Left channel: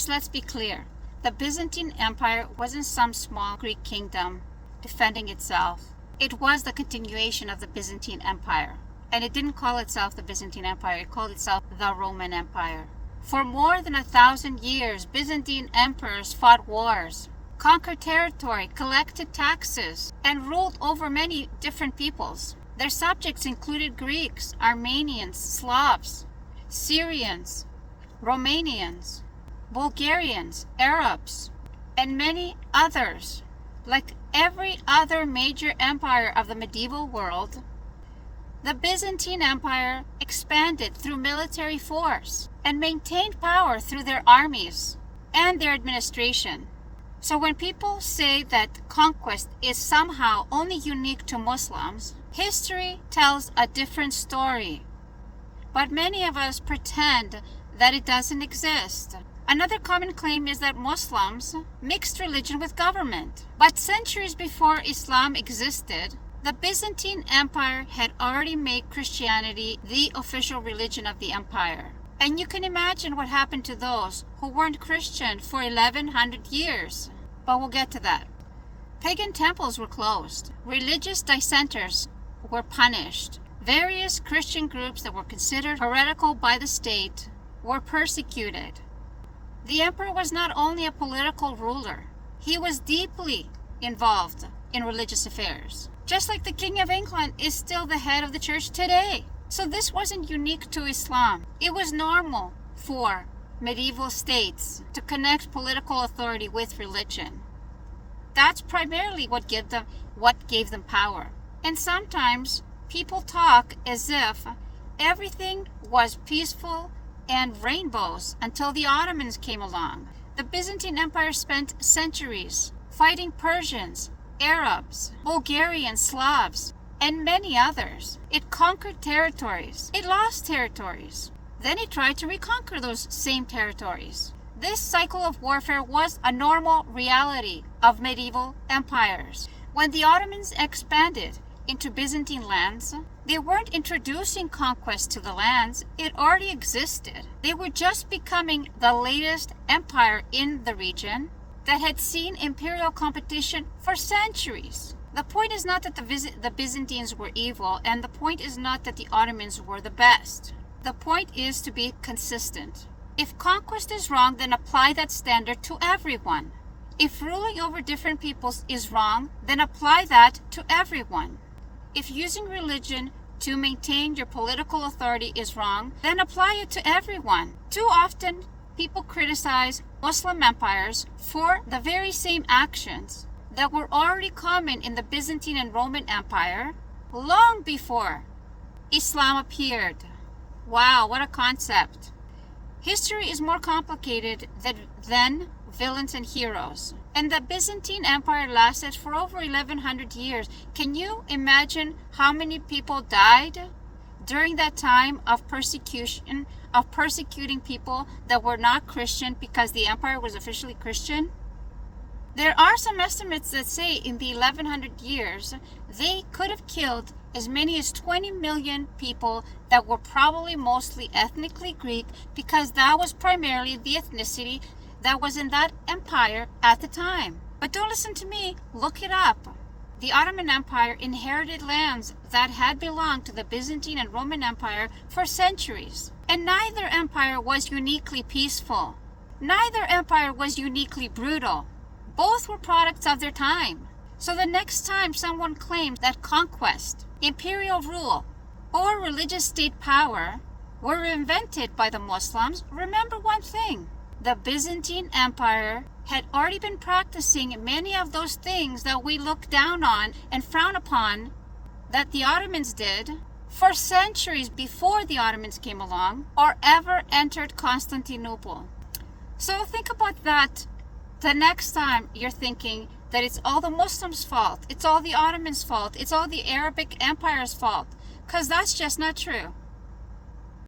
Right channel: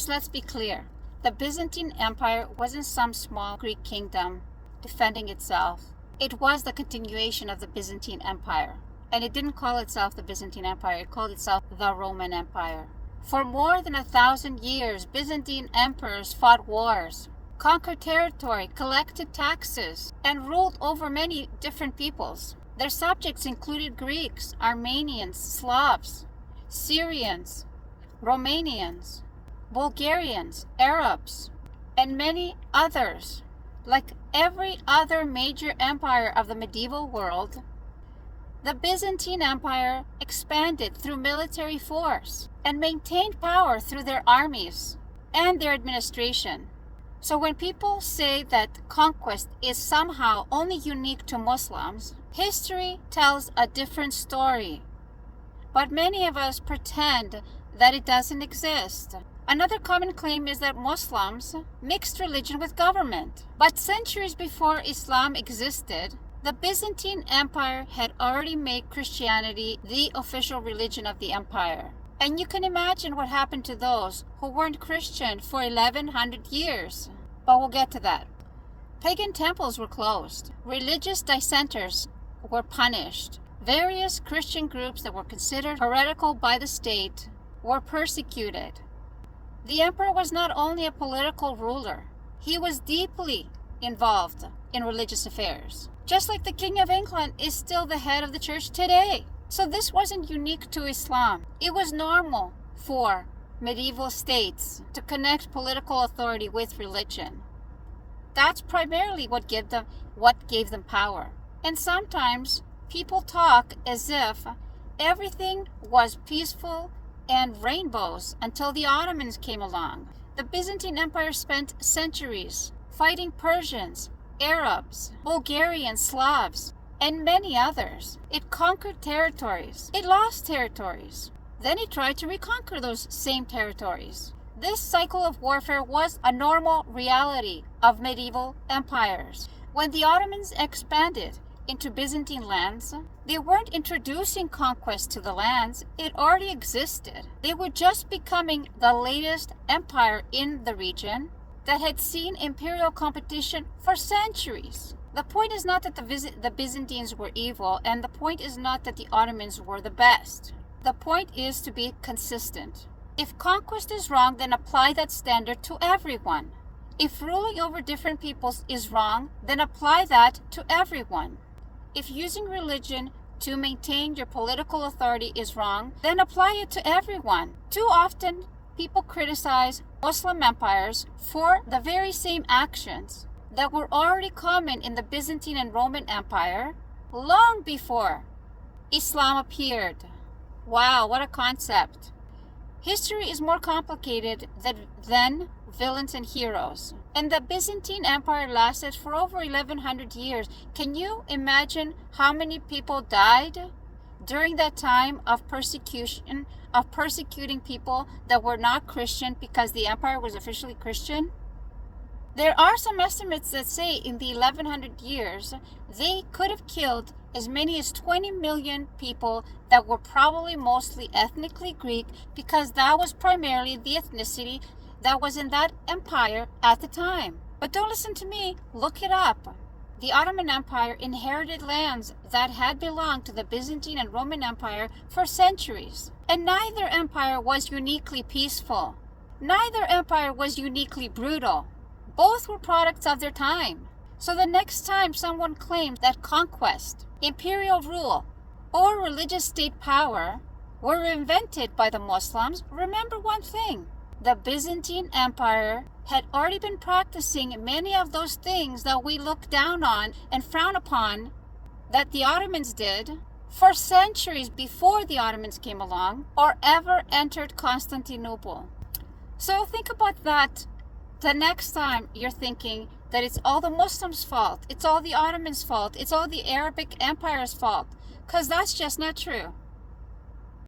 First, let's be clear. The Byzantine Empire wasn't some small Greek kingdom defending itself. It was the continuation of the Byzantine Empire. And it didn't call itself the Byzantine Empire, it called itself the Roman Empire. For more than 1,000 years, Byzantine emperors fought wars, conquered territory, collected taxes, and ruled over many different peoples. Their subjects included Greeks, Armenians, Slavs, Syrians, Romanians, Bulgarians, Arabs, and many others. Like every other major empire of the medieval world, the Byzantine Empire expanded through military force and maintained power through their armies and their administration. So when people say that conquest is somehow only unique to Muslims, history tells a different story. But many of us pretend that it doesn't exist. Another common claim is that Muslims mixed religion with government. But centuries before Islam existed, the Byzantine Empire had already made Christianity the official religion of the empire. And you can imagine what happened to those who weren't Christian for 1,100 years. But we'll get to that. Pagan temples were closed. Religious dissenters were punished. Various Christian groups that were considered heretical by the state were persecuted. The emperor was not only a political ruler, he was deeply involved in religious affairs. Just like the King of England is still the head of the church today. So this wasn't unique to Islam. It was normal for medieval states to connect political authority with religion. That's primarily what gave them power. And sometimes people talk as if everything was peaceful and rainbows until the Ottomans came along. The Byzantine Empire spent centuries fighting Persians, Arabs, Bulgarians, Slavs, and many others. It conquered territories. It lost territories. Then it tried to reconquer those same territories. This cycle of warfare was a normal reality of medieval empires. When the Ottomans expanded into Byzantine lands, they weren't introducing conquest to the lands. It already existed. They were just becoming the latest empire in the region that had seen imperial competition for centuries. The point is not that the Byzantines were evil, and the point is not that the Ottomans were the best. The point is to be consistent. If conquest is wrong, then apply that standard to everyone. If ruling over different peoples is wrong, then apply that to everyone. If using religion to maintain your political authority is wrong, then apply it to everyone. Too often, people criticize Muslim empires for the very same actions that were already common in the Byzantine and Roman Empire long before Islam appeared. Wow, what a concept. History is more complicated than villains and heroes. And the Byzantine Empire lasted for over 1,100 years. Can you imagine how many people died during that time of persecution, of persecuting people that were not Christian because the empire was officially Christian? There are some estimates that say in the 1,100 years, they could have killed as many as 20 million people that were probably mostly ethnically Greek, because that was primarily the ethnicity that was in that empire at the time. But don't listen to me, look it up. The Ottoman Empire inherited lands that had belonged to the Byzantine and Roman Empire for centuries. And neither empire was uniquely peaceful. Neither empire was uniquely brutal. Both were products of their time. So the next time someone claims that conquest, imperial rule, or religious state power were invented by the Muslims, remember one thing. The Byzantine Empire had already been practicing many of those things that we look down on and frown upon that the Ottomans did for centuries before the Ottomans came along or ever entered Constantinople. So think about that the next time you're thinking that it's all the Muslims' fault, it's all the Ottomans' fault, it's all the Arabic Empire's fault, because that's just not true.